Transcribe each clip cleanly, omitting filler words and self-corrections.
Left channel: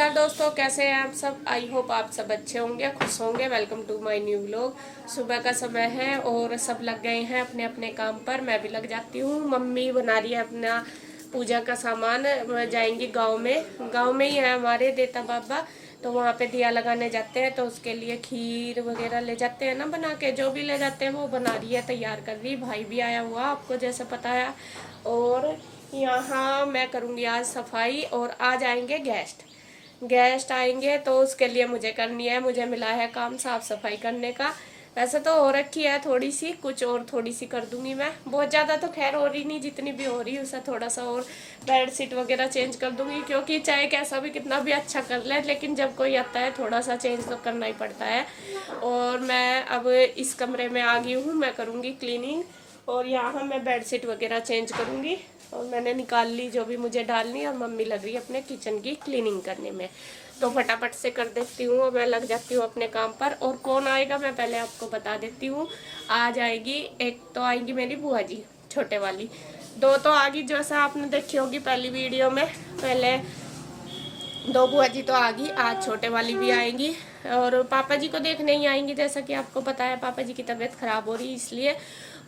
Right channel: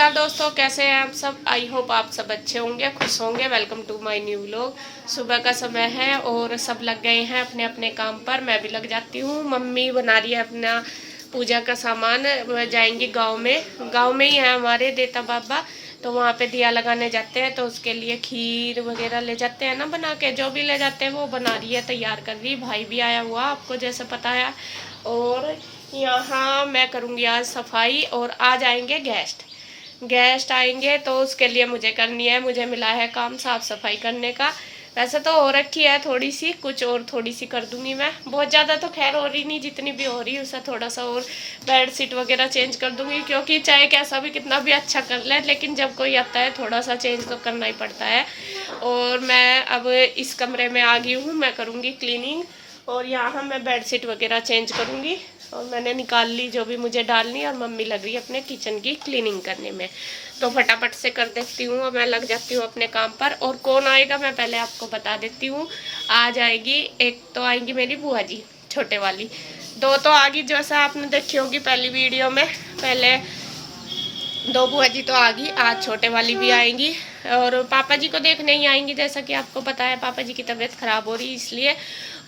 नमस्कार दोस्तों, कैसे हैं आप सब। आई होप आप सब अच्छे होंगे, खुश होंगे। Welcome to my new vlog. सुबह का समय है और सब लग गए हैं अपने अपने काम पर। मैं भी लग जाती हूँ। मम्मी बना रही है अपना पूजा का सामान। जाएंगी गांव में ही है हमारे देता बाबा, तो वहाँ पे दिया लगाने जाते हैं। तो उसके लिए खीर वगैरह ले जाते हैं ना बना के, जो भी ले जाते हैं वो बना रही है, तैयार कर रही। भाई भी आया हुआ आपको जैसे पता है। और यहाँ मैं करूँगी आज सफाई और आज आएंगे गेस्ट आएंगे, तो उसके लिए मुझे करनी है। मुझे मिला है काम साफ सफाई करने का। वैसे तो हो रखी है थोड़ी सी, कुछ और थोड़ी सी कर दूंगी मैं। बहुत ज़्यादा तो खैर हो रही नहीं, जितनी भी हो रही है उससे थोड़ा सा और बेड शीट वगैरह चेंज कर दूंगी। क्योंकि चाहे कैसा भी कितना भी अच्छा कर ले, लेकिन जब कोई आता है थोड़ा सा चेंज तो करना ही पड़ता है। और मैं अब इस कमरे में आ गई हूँ, मैं करूँगी क्लीनिंग। और यहाँ मैं बेडशीट वगैरह चेंज करूँगी। और मैंने निकाल ली जो भी मुझे डालनी, और मम्मी लग रही है अपने किचन की क्लीनिंग करने में। तो फटाफट से कर देती हूँ और मैं लग जाती हूँ अपने काम पर। और कौन आएगा मैं पहले आपको बता देती हूँ। आज आएगी, एक तो आएगी मेरी बुआ जी छोटे वाली, दो तो आ गई जैसा आपने देखी होगी पहली वीडियो में। पहले दो बुआ जी तो आ गई, आज छोटे वाली भी आएंगी। और पापा जी को देखने ही आएंगी, जैसा कि आपको पता है पापा जी की तबीयत खराब हो रही इसलिए।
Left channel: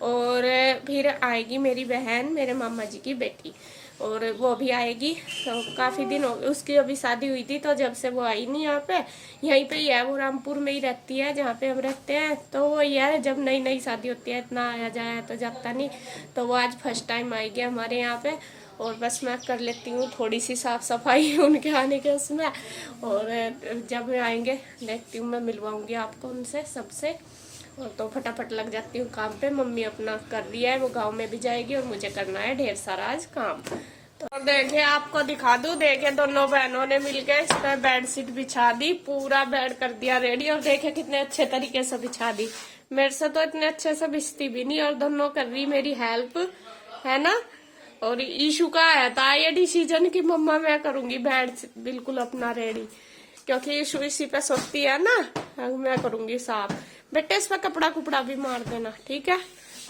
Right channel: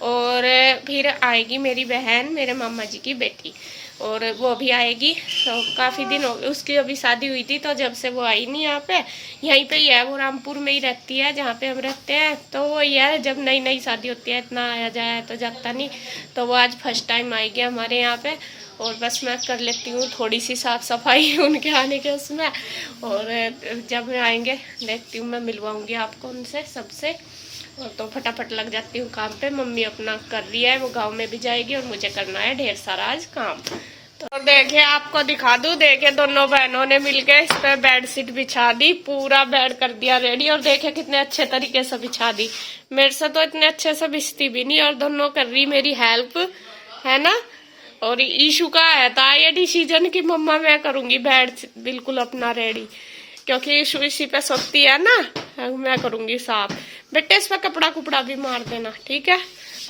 और फिर आएगी मेरी बहन, मेरे मामा जी की बेटी, और वो भी आएगी। तो काफ़ी दिन हो गए, उसकी अभी शादी हुई थी, तो जब से वो आई नहीं यहाँ पे। यहीं पे ही है, वो रामपुर में ही रहती है जहाँ पे हम रहते हैं। तो वो यार जब नई नई शादी होती है इतना आया जाया तो जाता नहीं। तो वो आज फर्स्ट टाइम आएगी हमारे यहाँ पे। और बस मैं कर लेती हूँ थोड़ी सी साफ़ सफाई उनके आने के उसमें। और जब मैं आएंगे देखती हूँ, मैं मिलवाऊँगी आपको उनसे सबसे। और तो फटाफट लग जाती हूँ काम पे। मम्मी अपना कर रही है, वो गांव में भी जाएगी और मुझे करना है ढेर सारा आज काम। तो देखिए आपको दिखा दूँ, देखिए दोनों बहनों ने मिलके इस पर बेड शीट बिछा दी, पूरा बेड कर दिया रेडी। और देखिए कितने अच्छे तरीके से बिछा दी। मेरे से तो इतने अच्छे से बिछती भी नहीं, और दोनों कर रही मेरी हेल्प, है ना। और ईशू का है था ये डिसीजन कि मम्मा मैं करूंगी बेड बिल्कुल अपना रेडी, क्योंकि ईशू इसी पे सोती है ना। मैं करूंगी साफ। बेटे इस पे कपड़ा कुपड़ा भी मार देना, ठीक है।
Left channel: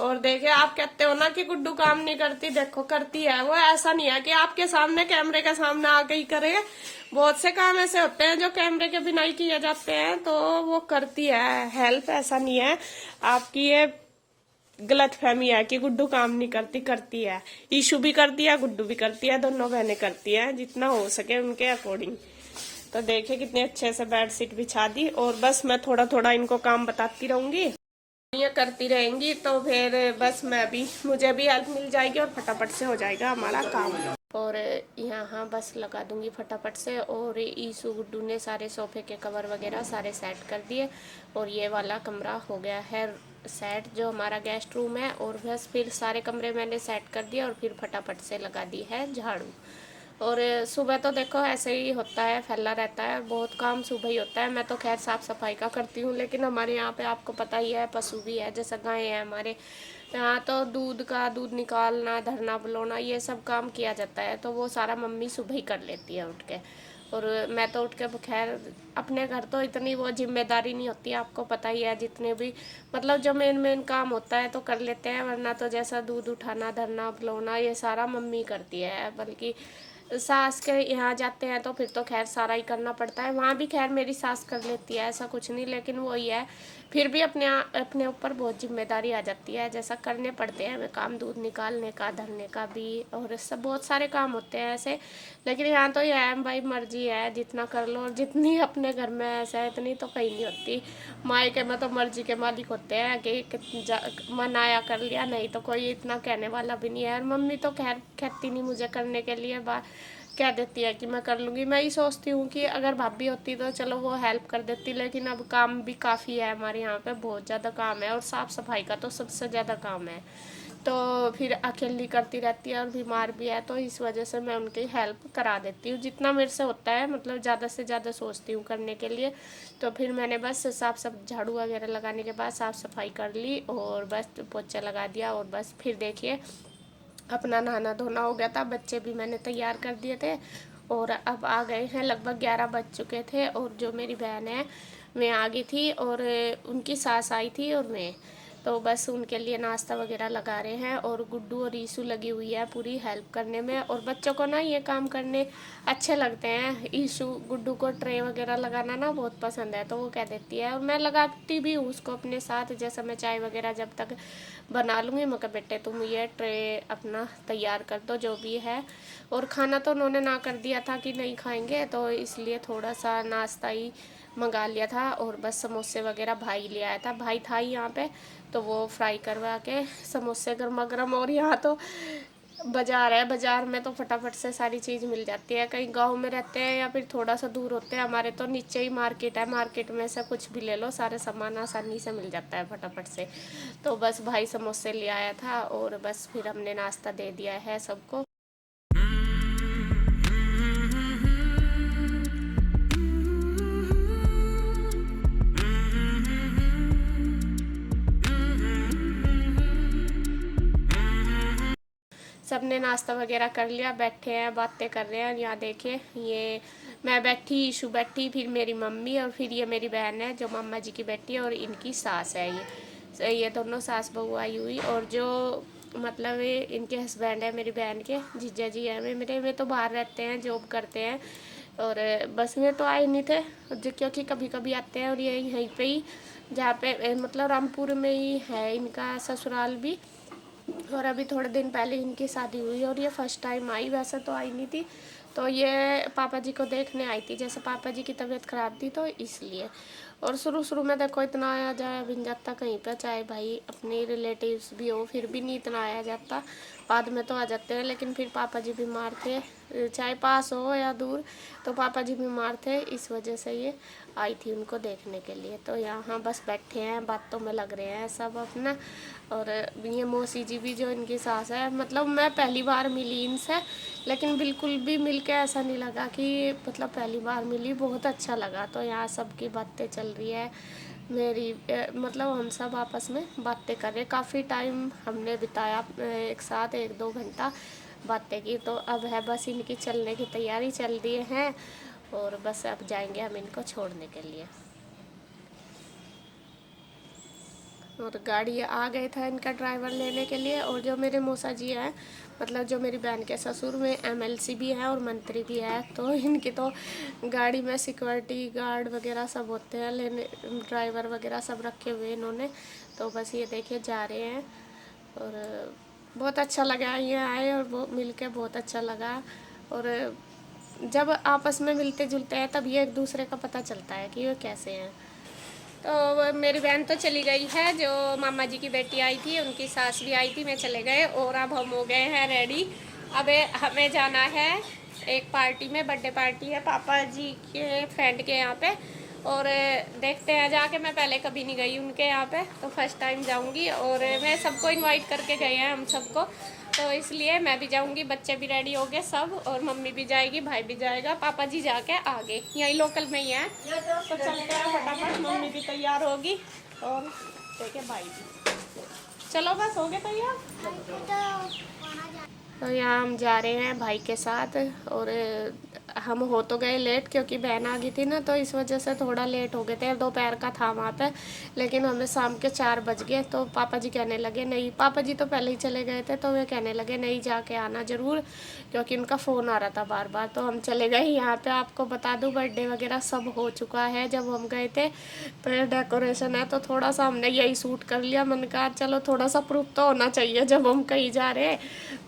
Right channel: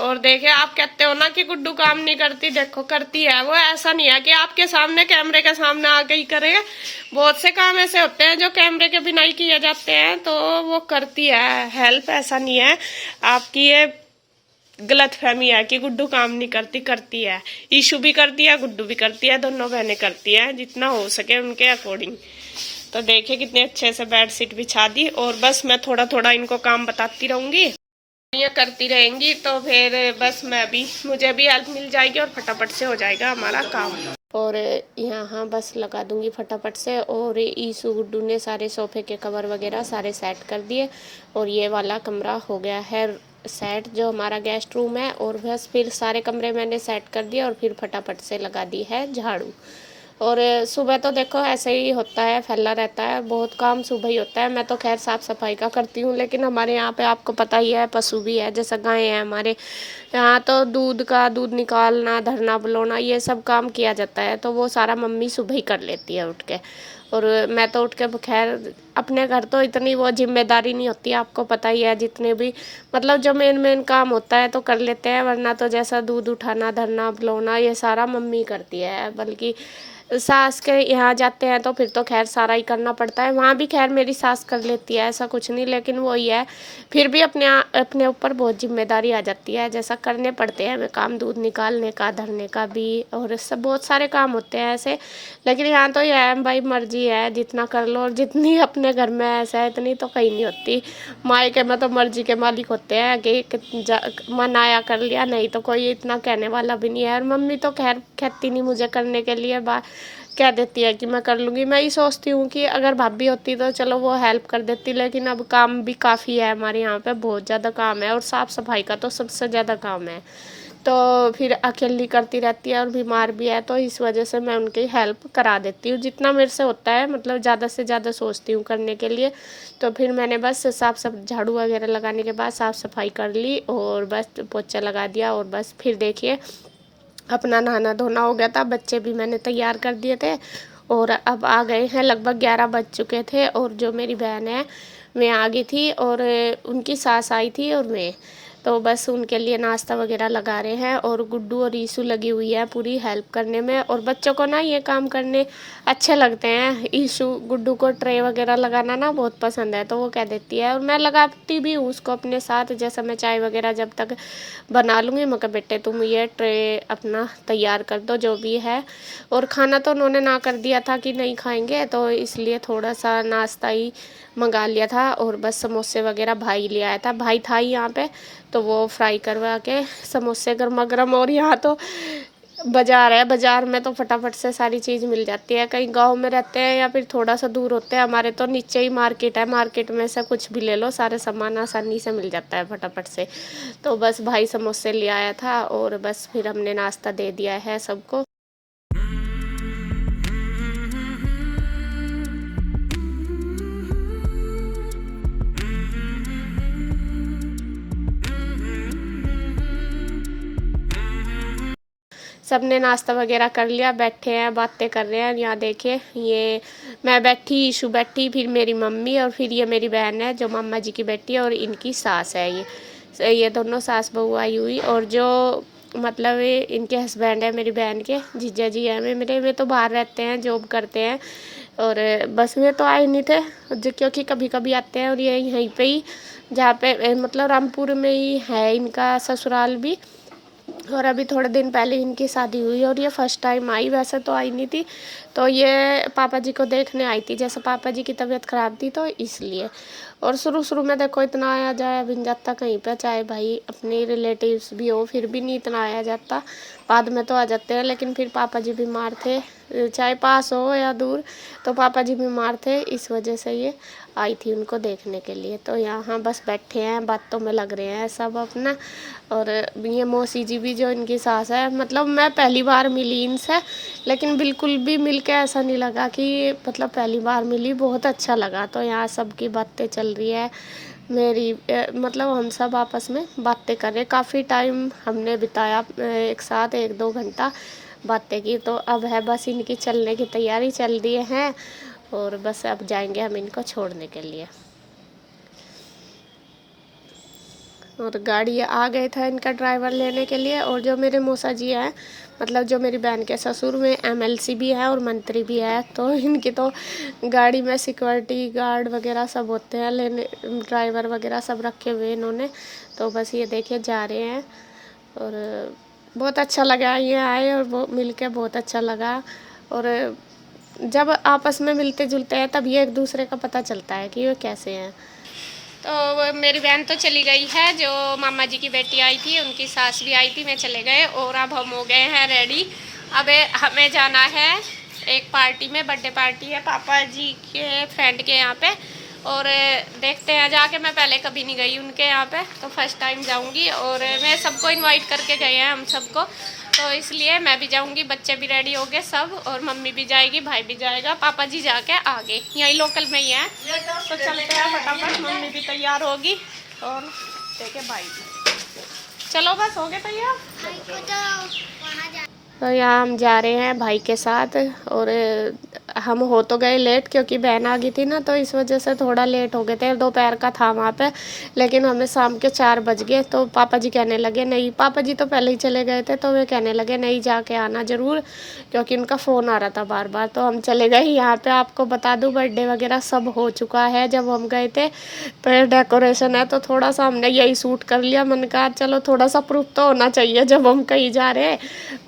और देखिए आप कहते हो ना कि गुड्डू काम नहीं करती, देखो करती है वो। ऐसा नहीं है कि आपके सामने कैमरे के सामने आके ही करे। बहुत से काम ऐसे होते हैं जो कैमरे के बिना ही किए जाते हैं, तो वो करती है हेल्प। ऐसा नहीं है आपकी ये गलत फहमी है कि गुड्डू काम नहीं करती, करती है। ईशू भी करती है, गुड्डू भी करती है, दोनों बहनें करती हैं जितना हो सके उनके अकॉर्डिंग। तो देखिए कितने अच्छे से बेड शीट बिछा दी। और बस मैं थोड़ा थोड़ा इनको काम बताती रहूंगी, ये करती रहेंगी। तो फिर बस मैं भी, मुझे भी हेल्प मिल जाएगी और फटाफट से हो जाएगा हमारा काम। और यहाँ बस लगा दूंगी फटाफट से। और ईशू गुड्डू ने सारे सोफे के कवर वगैरह सारे सेट कर दिए। और ये वाला कमरा हो गया है सेट, जो हमारा गेस्ट रूम है। और बस फिर सारे कमरे मैंने सेट कर दिया और फिर फटाफट से लगा दी है झाड़ू। और सुबह तो देखो ऐसे ही होता है, फैला रहता है, बहुत काम सुबह ही होता है। मैं तो खैर साफ़ सफाई का करती हूँ, लेकिन हमारे यहाँ पे आपको पता ही है पशु भी है, जैसे गाय है हमारे यहाँ। तो दूध निकालना, धरना बुलाना, ये सब काम किया जाता है। तो वो सारा मम्मी सुबह ही कर लेती है उठ के। और मैं तो उठ के खैर अपने घर तो इतनी वो जिम्मेदारी नहीं होती, आपको पता ही है। जितने भी मतलब जो मेन काम होता है तो कर लेते हैं, वरना तो जैसा दूध उठाना, धरना बुलाना, ये सारा मम्मी करती है। बल्कि सास के यहाँ जाते हैं तो फिर तो खैर सारा ही करना पड़ता है। वहाँ भी खैर मेरी सास कर लेती है, ऐसा कुछ नहीं, लेकिन वही है फिर भी अपने ऊपर बहुत जिम्मेदारी आ जाती है, जैसा करने पड़ते हैं हमें काम, दूध निकालने का, धरने का भी, और सब बहुत सारे काम होते हैं ऐसे। लेकिन यहाँ तो ये है भाई, मर्जी है जितना कर लो। और जितनी अपने घर में ऐसा है इतनी तो कहीं नहीं होती। मायके में तो मर्जी के मालिक होते हैं कि मन आया कर लिया, नहीं तो कोई इतना कहने वाला भी नहीं है। और मम्मी तो खैर कहती नहीं मुझे करने के लिए, कह देती है कि मैं कर लूँगी। मैं ही सोचती हूँ कि अगर भाभी होती तो चलो वो हेल्प कर देती, लेकिन अब काम भी काफ़ी है हमारे यहाँ पे, बहुत ज़्यादा काम है। और साफ़ सफाई का तो सबसे ज़्यादा काम है, तो फिर अकेली करती रहती है और बीमार भी है, तो इस वजह से मैं उनकी हेल्प करा देती हूँ जितना मेरे से होता है। मतलब ज़्यादा से ज़्यादा सोचती हूँ करने के लिए। तो फिर मैंने बस झाड़ू वगैरह लगाने के बाद साफ़ सफाई कर ली और बस पोछा लगा दिया। और बस फिर देखिए अपना नहाना धोना हो गया था, बच्चे भी मैंने तैयार कर दिए थे। और अब आ गए हैं, लगभग 11 बज चुके थे। और जो मेरी बहन है मैं आ गई थी, और उनकी सास आई थी, और तो बस उनके लिए नाश्ता वगैरह लगा रहे हैं। और गुड्डू और ईशू लगी हुई है पूरी हेल्प करने में। और बच्चों को ना ये काम करने अच्छे लगते हैं। ईशू गुड्डू को ट्रे वगैरह लगाना ना बहुत पसंद है, तो वो कह देती है, और मैं लगाती भी हूँ उसको अपने साथ। जैसा मैं चाय वगैरह जब तक बना लूँगी, मैं कहा बेटे तुम ये ट्रे अपना तैयार कर दो जो भी है। और खाना तो उन्होंने ना कर दिया था कि नहीं खाएंगे, तो इसलिए थोड़ा सा नाश्ता ही मंगा लिया था। और बस समोसे वगैरह भाई ले आया था, भाई था ही यहाँ पे, तो वो फ्राई करवा के समोसे गर्मा गर्म। और यहाँ तो बाज़ार है, बाज़ार में तो फटाफट से सारी चीज़ मिल जाती है। कहीं गांव में रहते हैं या फिर थोड़ा सा दूर होते हैं, हमारे तो नीचे ही मार्केट है, मार्केट में से कुछ भी ले लो, सारे सामान आसानी से मिल जाता है फटाफट से। तो बस भाई समोसे ले आया था और बस फिर हमने नाश्ता दे दिया है सबको। सबने नाश्ता वगैरह कर लिया, बैठे हैं बातें कर रहे हैं। यहाँ देखिए, ये मैं बैठी, ईशू बैठी, फिर मेरी मम्मी, और फिर ये मेरी बहन है जो मामा जी की बेटी है, और इनकी सास है। ये दोनों सास बहू आई हुई। और जो मतलब इनके हस्बैंड है मेरी बहन के, जीजा जी हैं मेरे, वे तो बाहर रहते हैं, जॉब करते हैं। और बस में तो आए नहीं थे जो, क्योंकि कभी कभी आते हैं। और ये यहीं पे ही, जहाँ पे मतलब रामपुर में ही है इनका ससुराल भी। और अभी थोड़े दिन पहले इनकी शादी हुई और ये फर्स्ट टाइम आई, वैसे तो आई नहीं थी। तो ये पापा जी को देखने आई थी, जैसे पापा जी की तबीयत ख़राब थी तो इसलिए। और शुरू शुरू में देखो इतना आया जाया भी नहीं जाता कहीं पे, चाहे भाई अपने रिलेटिव्स भी हो फिर भी नहीं इतना आया जाता। बाद में तो आ जाते हैं, लेकिन फिर पापा जी बीमार थे, चाहे पास हो या दूर, तो पापा जी बीमार थे, इस वजह से ये आई थी उनको देखने के लिए। तो यहाँ बस बैठे हैं, बातों में लग रहे हैं सब अपना। और ये मौसी जी भी जो इनकी सास है, मतलब मैं पहली बार मिली इनसे, लेकिन बिल्कुल भी मिल के ऐसा नहीं लगा कि मतलब पहली बार मिली, बहुत अच्छा लगा। तो यहाँ सबकी बातें चल रही है मेरी, मतलब हम सब आपस में बातें कर रहे, काफ़ी टाइम हमने बिताया एक साथ, 1-2 घंटा बातें की। तो अब है बस इनकी चलने की तैयारी चल रही है, और बस अब जाएंगे हम इनको छोड़ने के लिए। और गाड़ी आ गए था इनका ड्राइवर लेने के लिए। और जो मेरे मौसा जी हैं, मतलब जो मेरी बहन के ससुर में एमएलसी भी है और मंत्री भी है, तो इनकी तो गाड़ी में सिक्योरिटी गार्ड वगैरह सब होते हैं, लेने ड्राइवर वगैरह सब रखे हुए इन्होंने। तो बस ये देखिए जा रहे हैं। और बहुत अच्छा लगा ये आए, और वो मिल के बहुत अच्छा लगा। और जब आपस में मिलते जुलते हैं तब ये एक दूसरे का पता चलता है कि वो कैसे हैं। तो मेरी बहन तो चली गई है, जो मामा जी की बेटी आई थी उनकी सास भी आई थी, मैं चले गए। और अब हम हो गए हैं रेडी। अब हमें जाना है एक पार्टी में, बर्थडे पार्टी है पापा जी के फ्रेंड के यहाँ पे। और देखते हैं जाके, मैं पहले कभी नहीं गई उनके यहाँ पे, तो फर्स्ट टाइम जाऊँगी। और मैं सबको इनवाइट करके गए हैं हम सबको, तो इसलिए मैं भी जाऊंगी, बच्चे भी रेडी हो गए सब, और मम्मी भी जाएगी, भाई भी जाएगा, पापा जी जाके आगे यहीं लोकल में ही है। तो चलते हैं फटाफट, मम्मी भी तैयार होगी और देखे भाई भी। चलो बस हो गए तैयार। तो यहाँ हम जा रहे हैं भाई के साथ। और हम हो तो गए लेट, क्योंकि बहन आ गई थी ना, तो इस वजह से थोड़ा लेट हो गए थे। दोपहर का था वहाँ पे, लेकिन हमें शाम के 4 बज गए। तो पापा जी कहने लगे नहीं, पापा जी तो पहले ही चले गए थे, तो वे कहने लगे नहीं जाके आना ज़रूर, क्योंकि उनका फ़ोन आ रहा था बार बार। तो हम चले गए। यहाँ पे आपको बता दूँ बर्थडे वगैरह सब हो चुका है जब हम गए थे। तो डेकोरेशन है, तो थोड़ा सा हमने यही सूट कर लिया। मैंने कहा चलो थोड़ा सा प्रूफ तो होना चाहिए जब हम कहीं जा रहे हैं,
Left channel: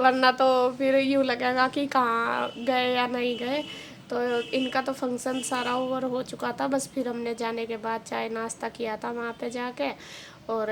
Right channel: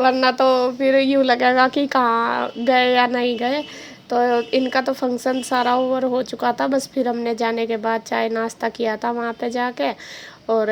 वरना तो फिर यूँ लगेगा कि कहाँ गए या नहीं गए। तो इनका तो फंक्शन सारा ओवर हो चुका था, बस फिर हमने जाने के बाद चाय नाश्ता किया था वहाँ पे जाके। और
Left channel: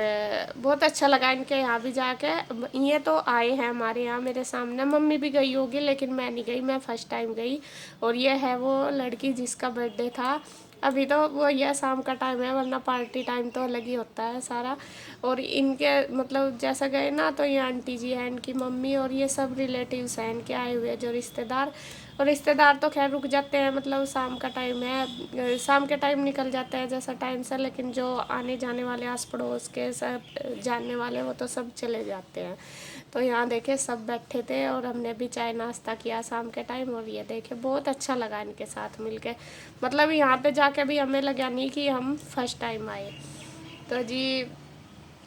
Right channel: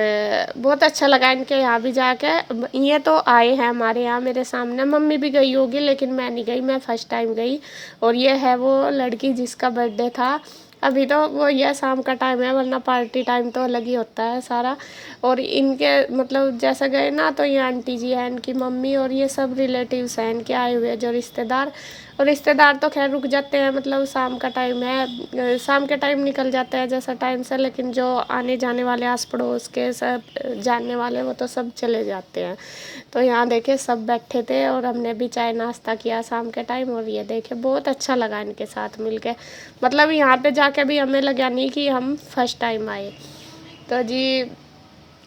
बहुत अच्छा लगा इनके यहाँ भी जाके। ये तो आए हैं हमारे यहाँ मेरे सामने, मम्मी भी गई होगी लेकिन मैं नहीं गई, मैं फर्स्ट टाइम गई। और ये है वो लड़की जिसका बर्थडे था। अभी तो वो ये शाम का टाइम है, वरना पार्टी टाइम तो अलग ही होता है सारा। और इनके मतलब जैसे गए ना, तो ये आंटी जी हैं इनकी मम्मी, और ये सब रिलेटिव्स हैं इनके आए हुए जो रिश्तेदार। और रिश्तेदार तो खैर रुक जाते हैं, मतलब शाम का टाइम है, शाम के टाइम निकल जाते हैं जैसा टाइम से, लेकिन जो आने जाने वाले आस पड़ोस के सब जानने वाले वो तो सब चले जाते हैं। तो यहाँ देखे सब बैठे थे, और हमने भी चाय नाश्ता किया शाम के टाइम। और ये देखे बहुत अच्छा लगा इनके साथ मिलके, मतलब यहाँ पे जाके भी हमें लगा नहीं कि हम फर्स्ट टाइम आए। तो जी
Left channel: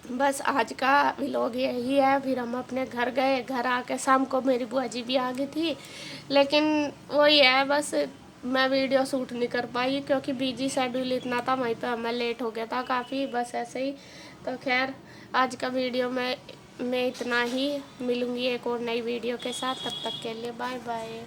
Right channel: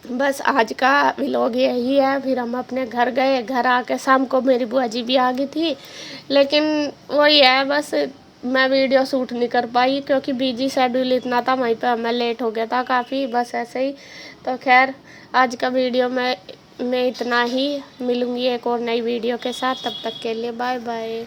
बस आज का व्लॉग यही है। फिर हम अपने घर गए, घर आके शाम को मेरी बुआ जी भी आ गई थी, लेकिन वही है बस मैं वीडियो शूट नहीं कर पाई क्योंकि बिजी शेड्यूल इतना था, वहीं पे हमें लेट हो गया था काफ़ी, बस ऐसे ही। तो खैर आज का वीडियो में इतना ही, मिलूँगी एक और नई वीडियो के साथ, तब तक के लिए बाय बाय।